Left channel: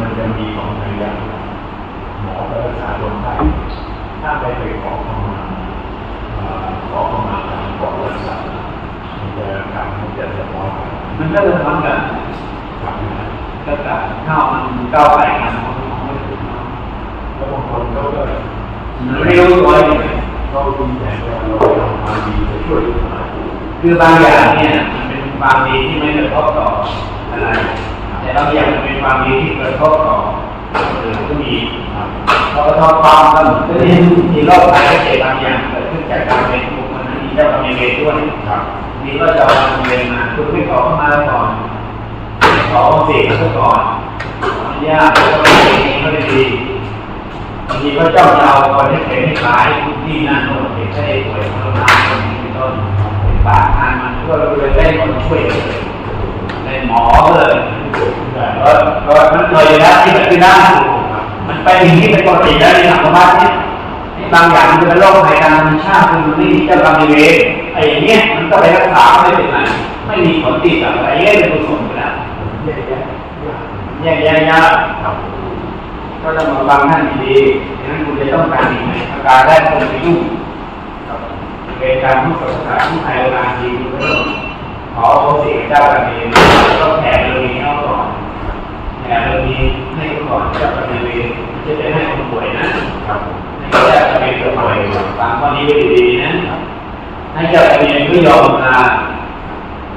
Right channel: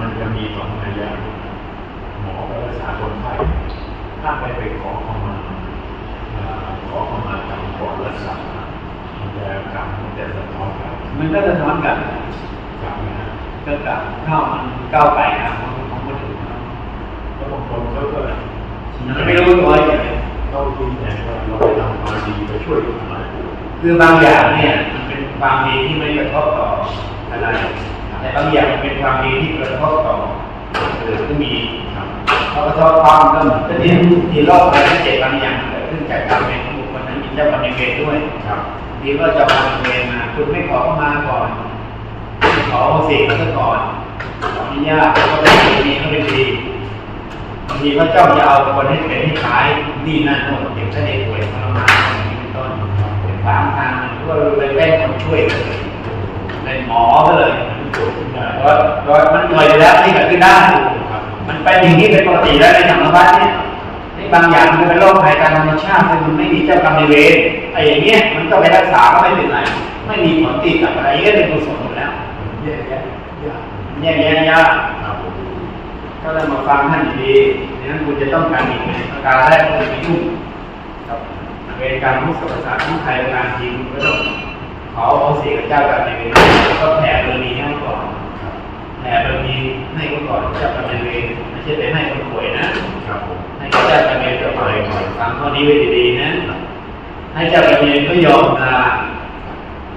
มันจะมีสองระยะหมอก็รักษาคนไข้ถ้าไปไปขอเข้ามาอ่าขอเข้ามาทางก่อนรักษามันจะกรรมมันจะจะร้อนกันมันก็จะซ้ำกันกรรมนะก็จะข้าวมันก้าวไก่กันไม่ถูกแล้วบางคนเขาก็เร็วตัวอย่างเขาดีใจว่าเราทำความดีไปช่วยคนอื่นคือบางอย่างเนี่ยมันเป็นความดีที่ไม่กระทบต่ออะไร แต่บางอย่างมันเป็นความดีที่กระทบต่อหรือก็มีครับพอกระทบความกันก็เนี่ยมีโรคภัยไข้เจ็บบางอย่างเกิดขึ้นจากการเป็นผู้คนนั้นมีเจ้ากรรมนายเวรด้วยครับนี่ก็จะมาเรียนมาคุณไม่ขอเข้ามาก่อนขอเสียเขาก่อนขออนุญาตเขาไม่ดีเขาไม่ดีบางทีเขาจ้องจะเอาคนให้เป็นให้ขายที่นั่นโน่นเป็นพระเอกเป็นพระนามเป็นต้นเป็นปากทางมันก็เลยแป้งคนช่วยเลยเป็นหมอเลยได้ ก็ก็มันเคยอยู่แล้วที่เกิดขึ้นได้มันเป็นอย่างนี้เป็นปกติแล้วในสังคมบ้านเนี่ยบางอย่างมันเป็นโรคภัยทางธรรมชาติมันไม่มีเจ้ากรรมนายเวรไอ้อย่างเงี้ยมันก็ไปรักษาไม่เป็นไรไม่มีผลติดกับไอ้เรื่องเป็นกุศลอยู่แล้วแยกแยะยากแย่แย่ยากครับก็ต้องมาฟังท่านดีๆดังนั้นคุณจะต้องการอีกไหมประการแรกคุณจะยุ่งเวรการผู้ศึกษาผู้ใครบางทีคุณก็ต้อง ขอเขาเสียกับเจ้ากันเองก็แผ่บารมีให้เขาก่อนแผ่บารมีให้เขาก่อนเจ้ากันเองไม่ใช่ไปให้คนป่วยนะครับผมให้เจ้ากันเองกับไปฟังข้อนี้ไว้ดีๆนะให้เจ้ากันเองก็ยอมลา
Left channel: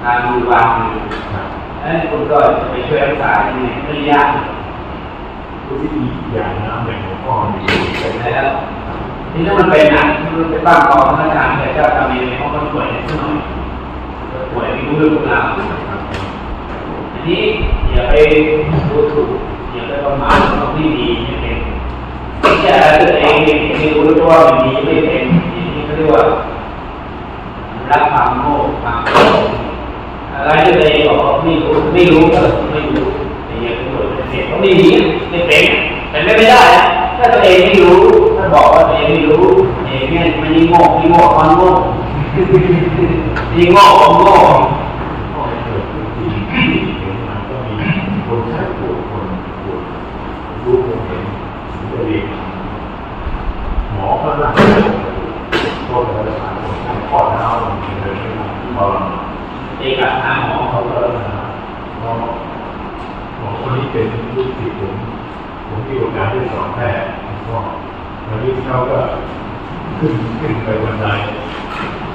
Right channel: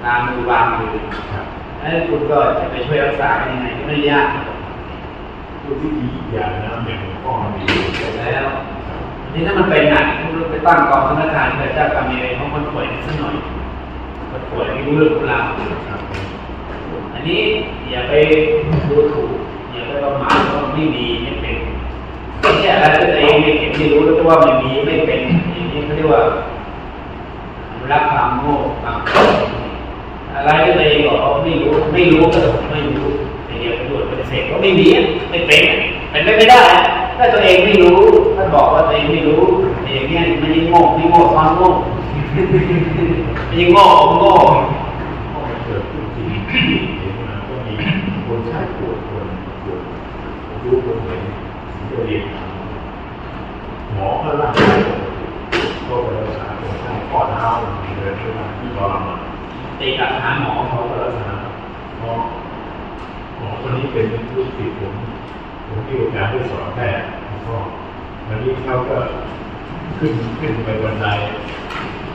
ลามือวางมือครับแล้วคุณก็จะไปช่วยรักษายังไงก็ไม่ยากทุกวิธีอย่างน้ำอย่างหลวงพ่อมีเสร็จแล้วนี่ถ้ามันเป็นหนักมันไปตั้งกองมาตรฐานกับเจ้ากรรมนายเวรเพราะมันป่วยนิดหน่อย ป่วยไม่รู้เรื่องรู้ราวอันนี้อย่าไปดูถูกอย่าไปประมาทว่าไม่ดีไม่เป็นไม่อะไรตัวเองไม่ไม่รู้ตัวว่ามันมีไม่เป็นอย่างนี้เขาเรียกว่ารักความโง่ความโง่อะไรตัวเองบอกว่าไม่รู้ไม่รู้ก็ไม่รู้แต่อย่าไปดูปฏิเสธว่าไม่ดีไม่เป็นเป็นไม่ได้ถ้าตัวเองไม่รู้ถ้าบอกว่าตัวเองไม่รู้เองเนี่ยมันยิ่งโง่ยิ่งโง่ความโง่ ยิงโง่ความโง่พ่อเกิดขึ้นที่เห็นมันก็มีคนไข้ปวดคนปวดรู้ผมเห็นเรียนหมอก็รักก็ไปรักษาคนไข้ข้อเท้ามันเลยไม่มที่ทรานตีกลับหาหมอเขาก็รักษาหมอหมอคนนี้เป็นลูกศิษย์ผมผมมีโอกาสได้สอนแพทย์ก็วันนี้เขาก็ขึ้นขึ้นไปบนได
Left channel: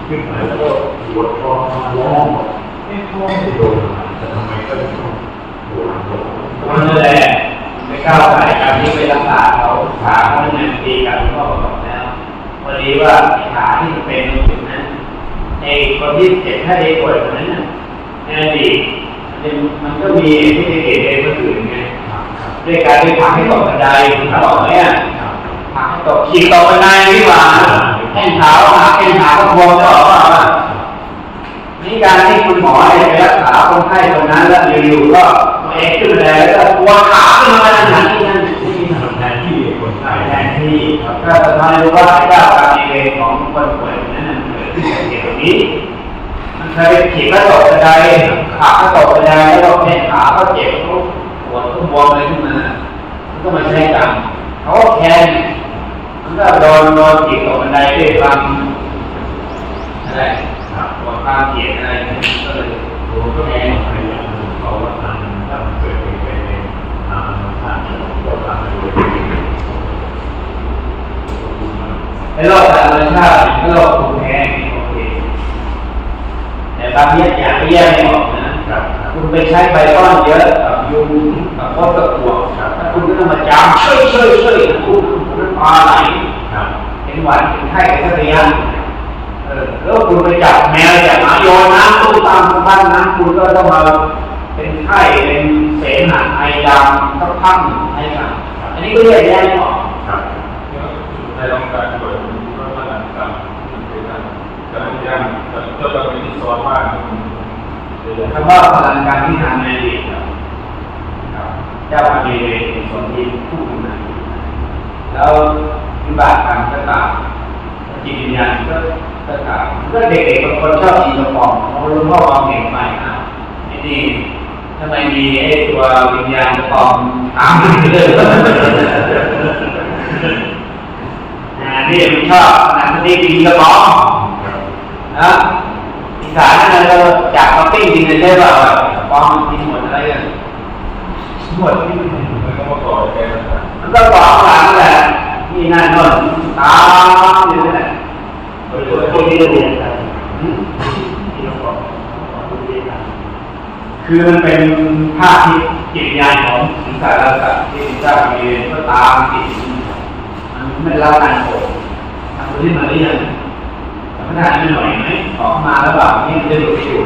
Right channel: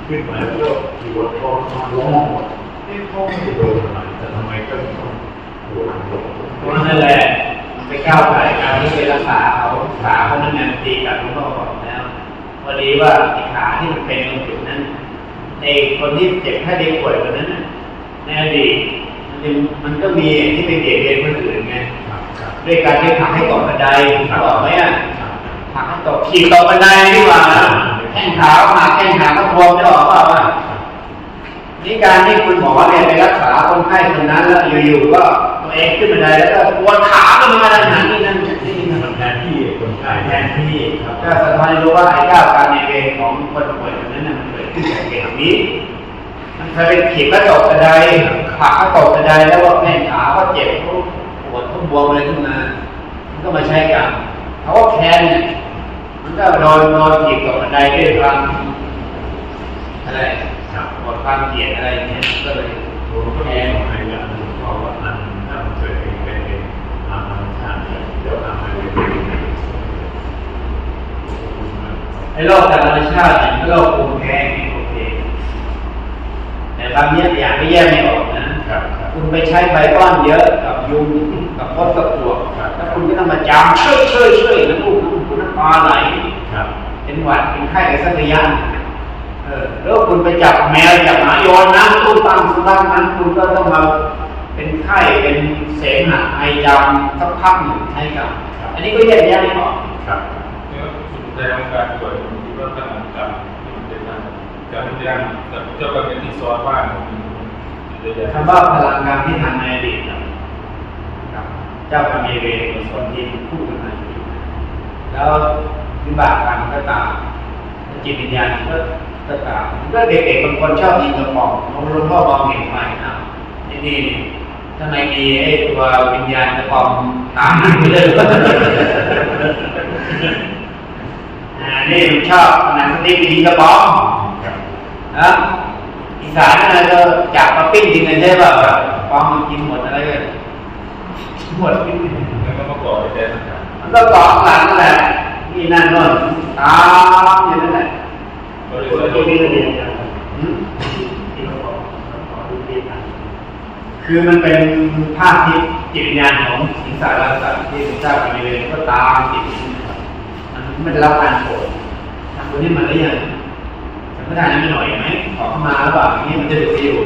ขึ้นมาแล้วก็ปวดท้องมาร้องบอกเอ๊ะท้องไม่โดนอะไรแต่ทำไมก็ต้องปวดตัวนั่นแหละไปก้าวไก่การที่ไปรักษาเขาขาเขาเป็นงานตีกันก็บอกแล้วพอดีว่าขาที่มันเป็นตรงจุดนั้นไอ้คนที่เจ็บแค่ได้ป่วยคนนั้นน่ะในอดีมันมันก็มีที่ไปเกตเองคนอื่นไงครับครับด้วยการที่ผลักให้ตกบันไดผลักออกไหมอะครับผลักให้ตกขี่ตกบันไดดีกว่า แข้งขาหักแข้งขาก็บวมจะออกเปล่าอะนี่การที่คุณหมอเนี่ยไปรักษาคนไข้คนนั้นแล้วอยู่ๆก็ตัวเองขึ้นมาเลยแล้วก็ปวดขาขึ้นมาขนาดนี้นั่นนี่มันแทนที่คนไข้แทนที่ก็ทำให้รู้ว่าไอ้ก้าวการเวรของคนป่วยนั้นมันเกิดขึ้นจากเหตุนี้มันเคยขีดแล้วตกกระไดขาก็ตกกระไดแล้วก็แข้งขาก็เจ็บเขาปวดเขาบวมเลยขึ้นมามันก็มาใช้กรรมเขาก็แค้น มันก็โดนโดนขีดตกกระไดด้วยความอะไรครับหมดความเกลียดอะไรเนี่ยก็เลยผมก็มีพยายามเพราะว่านั้นถ้ามันเกิดเหตุการณ์เองตามธรรมชาติเจ้ากรรมนายเวรในโลกธรรมชาติก็โลกภูมิแพ้นี่โอเคแต่บางอย่างอย่างที่แยกไม่ออกนะคุณไปใช้ใบก้อนเยอะกับยุงกับพวกกับปวกครับแล้วคุณก็ต้องมาจามช่วยช่วยช่วยแล้วคุณคุณน้ำตาไหล ครับ เป็น หวัดเป็นไข้สักระยะเออแล้วคุณไปจับแมวจับหมาโยนน้ำตู้ตามบ้านน้ำคุณก็ต้องมาเป็นไข้เป็นเสมหะไอจามสักพักหนึ่งใช่ครับ อันนี้ก็แยกแยะไม่ออกครับในองค์การเปิดรัฐบาลการเป็นการการที่ร่างเจ้าเป็นที่สอนว่าจะยังคำว่าพลังงานที่ทำในอดีตครับครับเจ้าอเมริกาส่วนที่พูดขึ้นมาแล้ว วิบากกรรมก็ตามจิตวิญญาณก็ก็ตามก็เด็กๆบางคนชอบกินกระป๋องเอาหลวงพ่อมองเห็นไปอ้าวนี่นี่ทำไมมีไอ้ตัววิญญาณจะปลอมตามมาเรื่อยๆอ่านี่มันชอบขนาดนี้กินกระป๋องนะอีสานนั่นเราจับมาปิ้งกินกันใช่เปล่าแบบปลอมกินหมดอะไรกันหมดแล้วก็มาก่อไปแทนนะครับมันก็กรอกข้างหลังแหละ นี่นั่นโน่นตามอยู่นั่นแหละคนที่เราเรียนกันคือมันเป็นภาพที่จิตวิญญาณของสิงสารสัตว์ที่เจ้าบริเวณก็ตามติดมันไม่ได้รับการโปรดทำตัวนี้มาหรือยังทำไม่ได้ไม่หน่อยไหมขอมาแล้วแบบนี่มันจะดูดีอยู่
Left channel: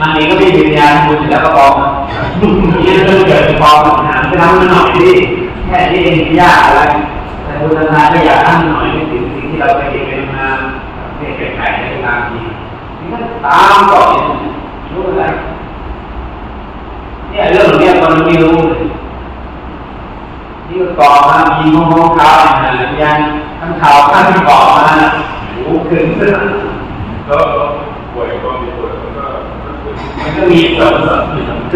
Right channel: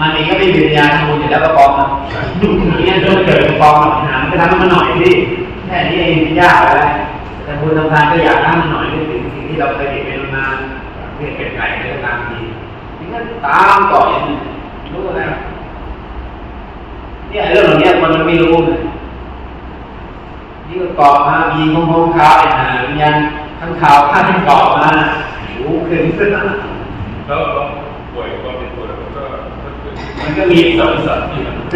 มันเองก็ไม่มีวิญญาณคุณอยู่แล้วก็ปลอมมันนี่เรื่องเกิดปลอมหาไปทำมันหน่อยดิ ค่นี้เองยากอะไรแต่คุณทำงานก็อยากทำหน่อยในสิ่งสิ่งที่เราเคยเห็นเป็นมาเป็นเป็นไก่ในตามทีนี่ก็ตามต่ออย่างนี้รู้แล้วเนี่ยเรื่องเนี้ยมันไม่รู้เลยนี่ก็เกาะมายิงงงขาวนะยังข้างขาวข้างที่เกาะมารู้ขึ้นขึ้นแล้วเราป่วยก็มีป่วยแล้วก็มันก็มีส่วน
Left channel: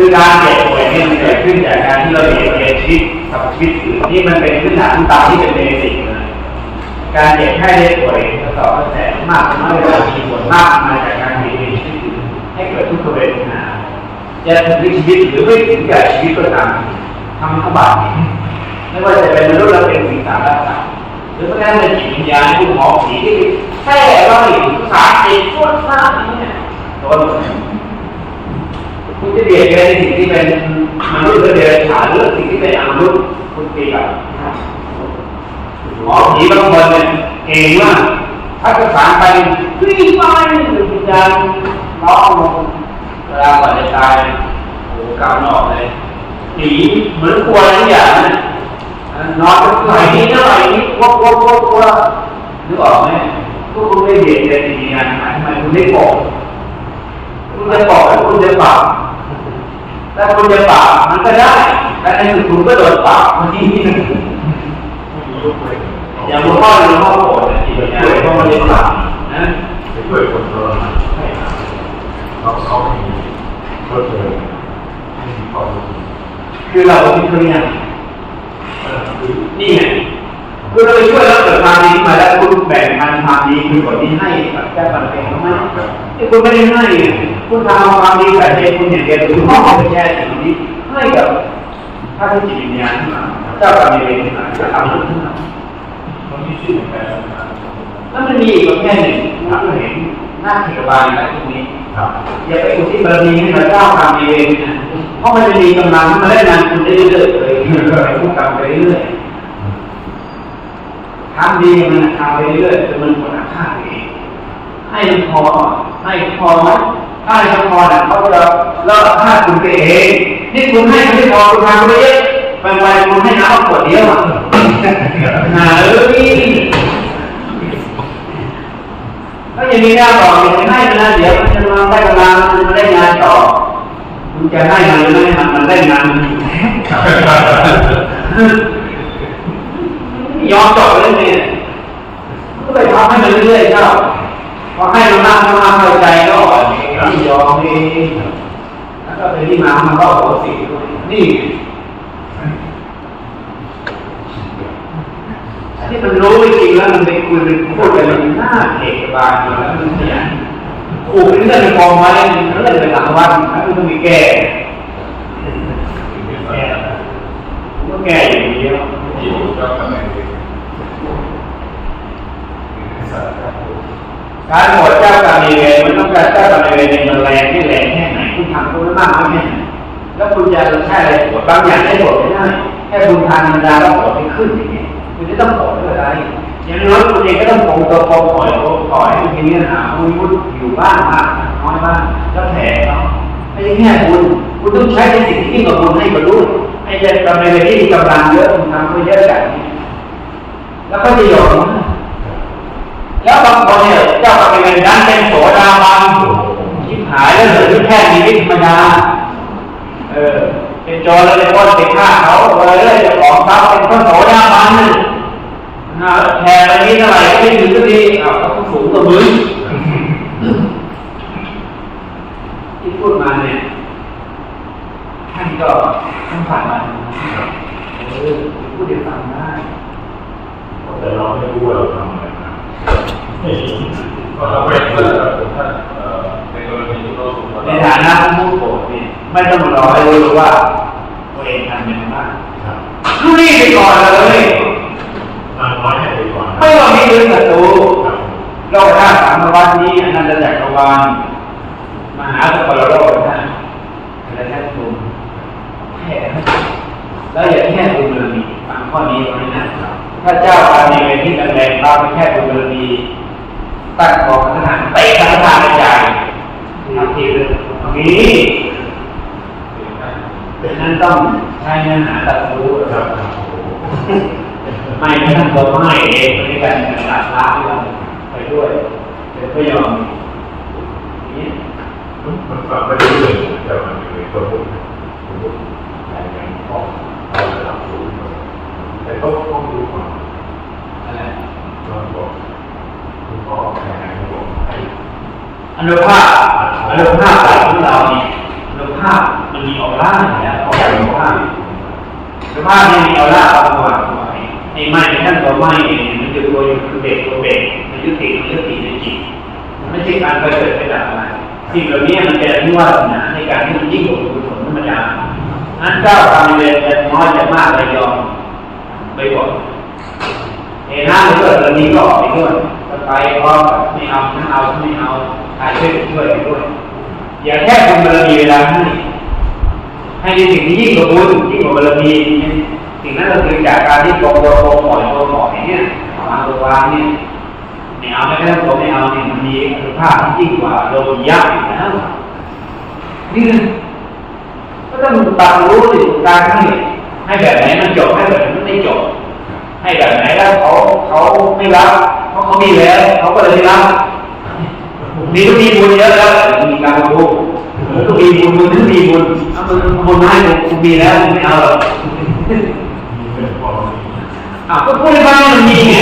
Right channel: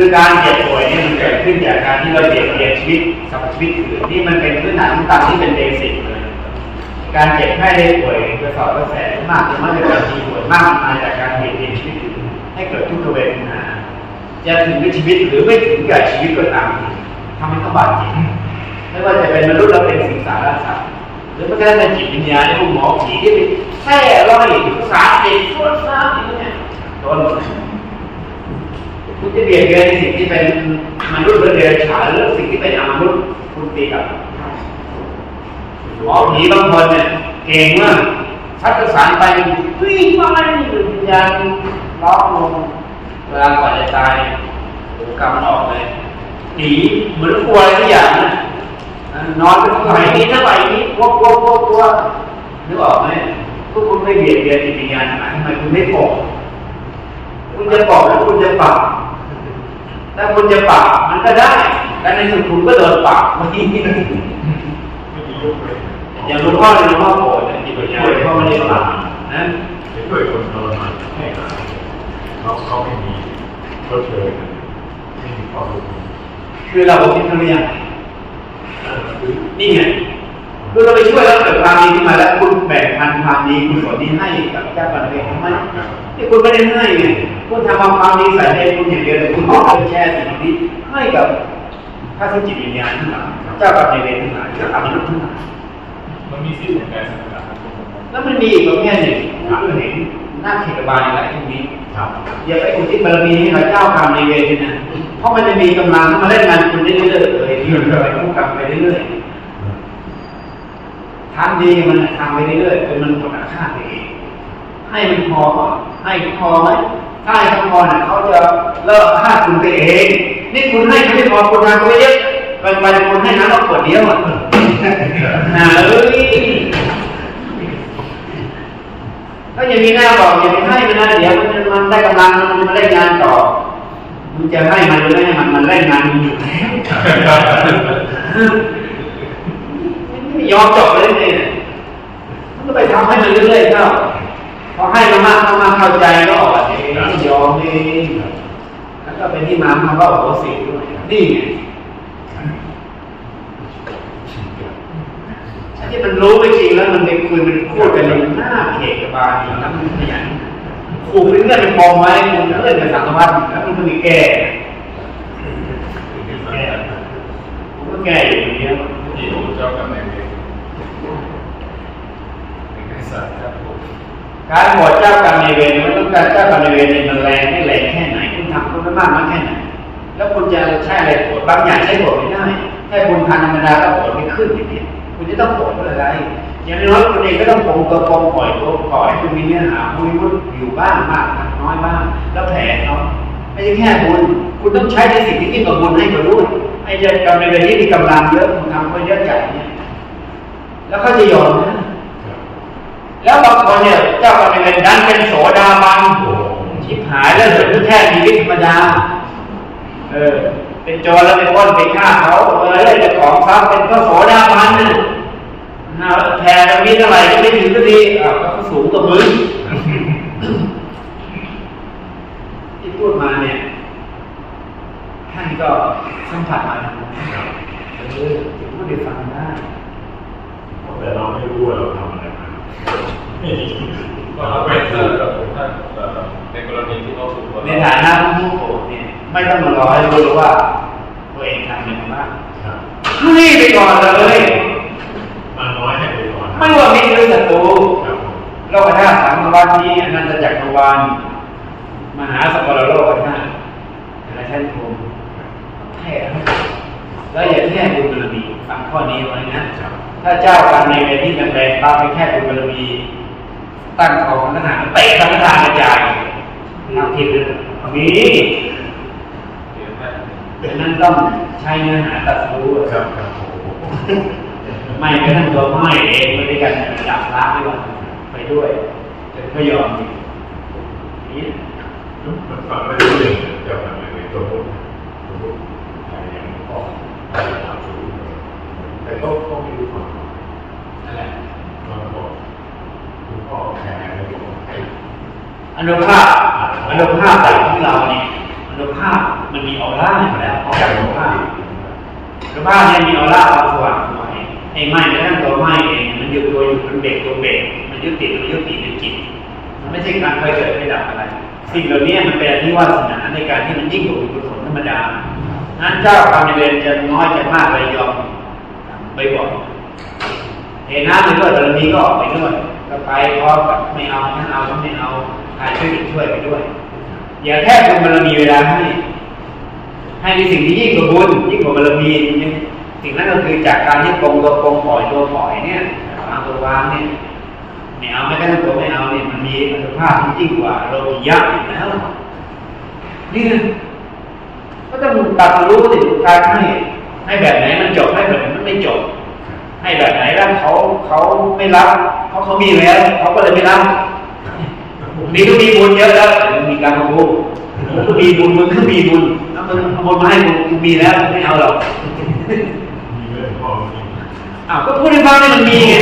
คือการเจ็บป่วยเนี่ยมันเกิดขึ้นจากการที่เราเบียดเบียนชีวิตกับชีวิตอื่นนี่มันเป็นพื้นฐานตามที่เป็นเบสิกนะการเจ็บแค่ได้ป่วยกระสอบกระแสมากมากเลยมีส่วนมากมาจากการเบียดเบียนชีวิตอื่นให้เกิดทุกขเวทนาจะถึงชีวิตหรือไม่ถึงกับชีวิตก็ตามทำให้เขาบาดเจ็บไม่ว่าจะเป็นมนุษย์เราเป็นสิ่งสารสัตว์หรือแม้กระทั่งจิตวิญญาณผู้หมอผีที่แค่ว่าให้ภาษาเด็กพูดมากอย่างนี้โดนหมด คุณจะเบียดเบียนในสิ่งที่เป็นมนุษย์หรือเดรัจฉานหรือสิ่งที่เป็นอมนุษย์คุณตีกับหมอผีบางคนเนี่ยเก่งมากถ้าประสานไปวิ่งไปวิญญาณร้องลงเวลาก่อนจะตายโอ้กำออกเลยผีเหมือนกลัวอะไรทุกอย่างนะนอนไหลนี้เท่าไหร่นี้วกวกวกวนึกออกไหมทุกคนไม่เบียดเบียนจิตวิญญาณทำไมคุณไม่บอกคุณจะบอกแล้วคุณจะปรับ ถ้าคุณจะปรับมันก็ได้แต่ในสุดคุณก็โดนปรับเมื่อกี้นี่ไม่มียกเว้นอย่างหลวงพ่อหลวงพ่อโกรธเนี่ยจิตวิญญาณเขาไม่ได้ปรับนะจะช่วยคนทรมานให้หายเขาเขาไม่มีรถเลยไม่มีความรู้คือเราเป็นเครียดเออคือนี่ไงคือเราไปช่วยแล้วเกิดความดีขึ้นมาแล้วคุณแบ่งงานความดีคือผลที่ให้กับเจ้าปัจเจกเขาไหมที่คุณไม่ได้ให้ คุณทำความดีใส่ใจคุณอย่างเดียวคุณมอบไปแชร์สิ่งนี้ให้กับพระที่จิตวิญญาณขึ้นมาเจ้ากรรมนายเวรขึ้นมาจะทำขึ้นมามันมีสิ่งแปลกๆต่างแล้วมันมีอีกประเภทหนึ่งคุณเห็นหน้าเขตบาลอะไรพวกนี้ครับอย่าไปอุทิศบารมีให้กับเจ้ากรรมนายเวรนะเพราะมันจะมีกำลังมาเล่นงานคุณได้เรื่อยๆเลยไปผู้กรรมไปเรื่อยๆทำดีมันทำไปเรื่อยๆจนมันผลอาฆาตเองให้มันพอให้พอไห มถ้าให้พอน่ะเขาจะเลิกฆ่าคุณไปเอง นี่คุณให้ไม่พอคุณมาไม่เยอะไปวันคุณให้น้ำขวดเดียวอะหาเลยก็ย่างนี้หน้าบออย่าไปให้มันนะเดี๋ยวมันจะลองได้กำลังมันมาได้งานต่อคุณจะให้มันหรือไม่ให้มันมันได้งานมันอยู่ไม่ยอมจบเลยเนี่ยก็ไปทำให้มันเรื่อยๆเข้าพอให้มันมากมากเข้าใจก็อ่อน เองยอมเองแล้วก็เป็นที่มามันก็โหสิด้วยนี่ไงไอ้ที่มันรู้ไม่จริงแล้วมันไปคุยเป็นพูดกันมันหน้าเขกบาลอยู่แล้วมันเนี่ยขู่เป็นเงื่อนเป็นกองไว้มันเลื่อนไปหลังวัดแล้วมันต้องมีแก้ๆสิ่งที่สำแก้คัญก็แก้อย่างเดียวที่พระเจ้ากำเนิดเองสิ่งที่สำคัญ การหวตเจ้ากรรมนเวรมันต้องการเจ้ากรรมนเวรในมันแรงที่แรงแค่ไหนคุณทำคุณไม่มากน้อยแค่ไหนแล้วคุณจะใช้อะไรโหวตบางอย่างใช้โหวตไม่ได้แค่คุณทานธรรมดาแล้วโหวตไม่ขึ้นอย่างนี้คุณจะต้องโหวตเพื่ออะไรอย่างน้อยคุณเองก็ต้องคงตัวคงปล่อยปล่อยให้คุณมีเนื้อหาคุณวุฒิอยู่บ้างมากน้อยบ้างแล้วแถเนาะไม่ใช่แค่คุณคุณต้องใช้ในสิ่งที่ยิ่งกว่าคุณให้บรรลุไอ้เจ้ากรรมนเวรที่มีกำลังเยอะคุณทำไปเยอะจัดเนี่แล้วก็จะยอมนะ แล้วบางคนเนี่ยเจ้ากรรมนายเวรนั้นเป็นโสดาบันชิบหายแล้วเหลือแค่มีวิธรรมดาเออเป็นโจรแล้วเป็นคนไปฆ่าเขาอะไรเลยเจ้าของทรัพย์เป็นพระโสดาบันน่ะนะแทนอันนี้เท่าไหร่ไม่ถึงก็ดีอ้าวเขาสูงกว่ามึงที่พูดมาเนี่ยท่านก็ท่านผ่านมาครับเออพูดเดี๋ยวฟังได้แต่เราไม่รู้ว่าเราทำอะไรมา ในกรณีที่เราถูกในฐานะผู้โกรธเนี่ยไม่ต้องรอให้รู้ว่าตัวเองทำเป็นบ้างครับรีบไปก่อนเลยมาน้อยให้ไปก่อนนะไม่ว่ามีหรือศัตรูครับผมโลกธาตุสามวัฏนี้อนันตจักรวาลมหาสกลโลกนะอะไรแค่ภูมิแค่แล้วอย่าแค่บุญบารมีฟังข้อนี้ไว้นะถ้าเจ้าการในเวรที่แรงๆเราไปแค่บุญบารมี ตั้งกองทหารเตะทหารกระจายทำทีเลยนี่ดังนั้นต้องใช้เนื้อหาตัดรู้ครับครับโอ้โหไม่ก็ทำตัวไม่เองไปด้วยกันหลับล้าด้วยไปด้วยแต่ก็ยอมนี่มันฟังไม่รู้เรื่องจ้าทำยังไงคนพูดคนพูดแต่ยังพ่อเราจะรับรู้แต่เขาเขาไม่รู้ความ อะไร เราบอกคุณพ่ อแพ้ไม่บอกให้อนุภาพอนุภาพของเราเนี่ยอนุภาพมันมีออร่าอยู่แล้วของอนุภาพอนุภาพเนี่ยมีออร่าเอาตัวไว้ไอ้ไม้ท่านตัวไม้เองมันอยู่ตัวอยู่ตัวเบรกตัวเบรกมันยึดติดมันยึดติดในจิตมันไม่ใช่การไปเกิดไปดับอะไรสิ่งเหล่านี้มันเป็นที่วาสนาในการที่มันยิ่งกว่าบุญธรรมดานั้นเจ้าทำเรียนจะน้อยจะมากไปยอมไปก่อนเห็นน้ำหรือว่าเรานี้ก็ออกไปด้วย ก็ไปเพราะไม่เอาถ้าเอาไม่เอาใครช่วยช่วยไปด้วยอย่าแค่บุญบารมีเวลาให้ให้ในสิ่งที่ยิ่งกว่าบุญยิ่งกว่าบารมีสิ่งนั้นก็คือจากการที่โกงตัวโกงปล่อยตัวปล่อยเนี่ยเอามาตัววางเนี่ยไม่เอาไม่ได้ตัวไม่เอาเนี่ยมันมีอนุภาพที่ยิ่งกว่าโลภยะอยู่แล้วนี่นะก็ต้องตัดรู้สิการให้ให้แบบไหนมันจบให้แบบไหนมันไม่จบ ให้แบบไหนแล้วเขาเขาไม่รับ มีแล้วเขาก็เลยไม่รับมีทุกมีบุญเยอะแล้วมีการรู้มึงก็มีบุญมึงก็มีบุญถ้ามึงบุญให้มึงกูมีแล้วมึงไม่เอาหรอกมีเรื่องพ่อมีอ้าวก็พูดให้ฟังให้มันมีไง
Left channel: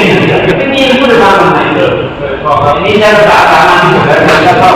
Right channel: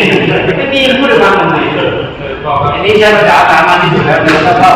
ไม่มีพูดให้ฟังทำไมเออเคยบอกว่าอันนี้ใช้ภาษาสามัญที่สุดแล้วแล้วก็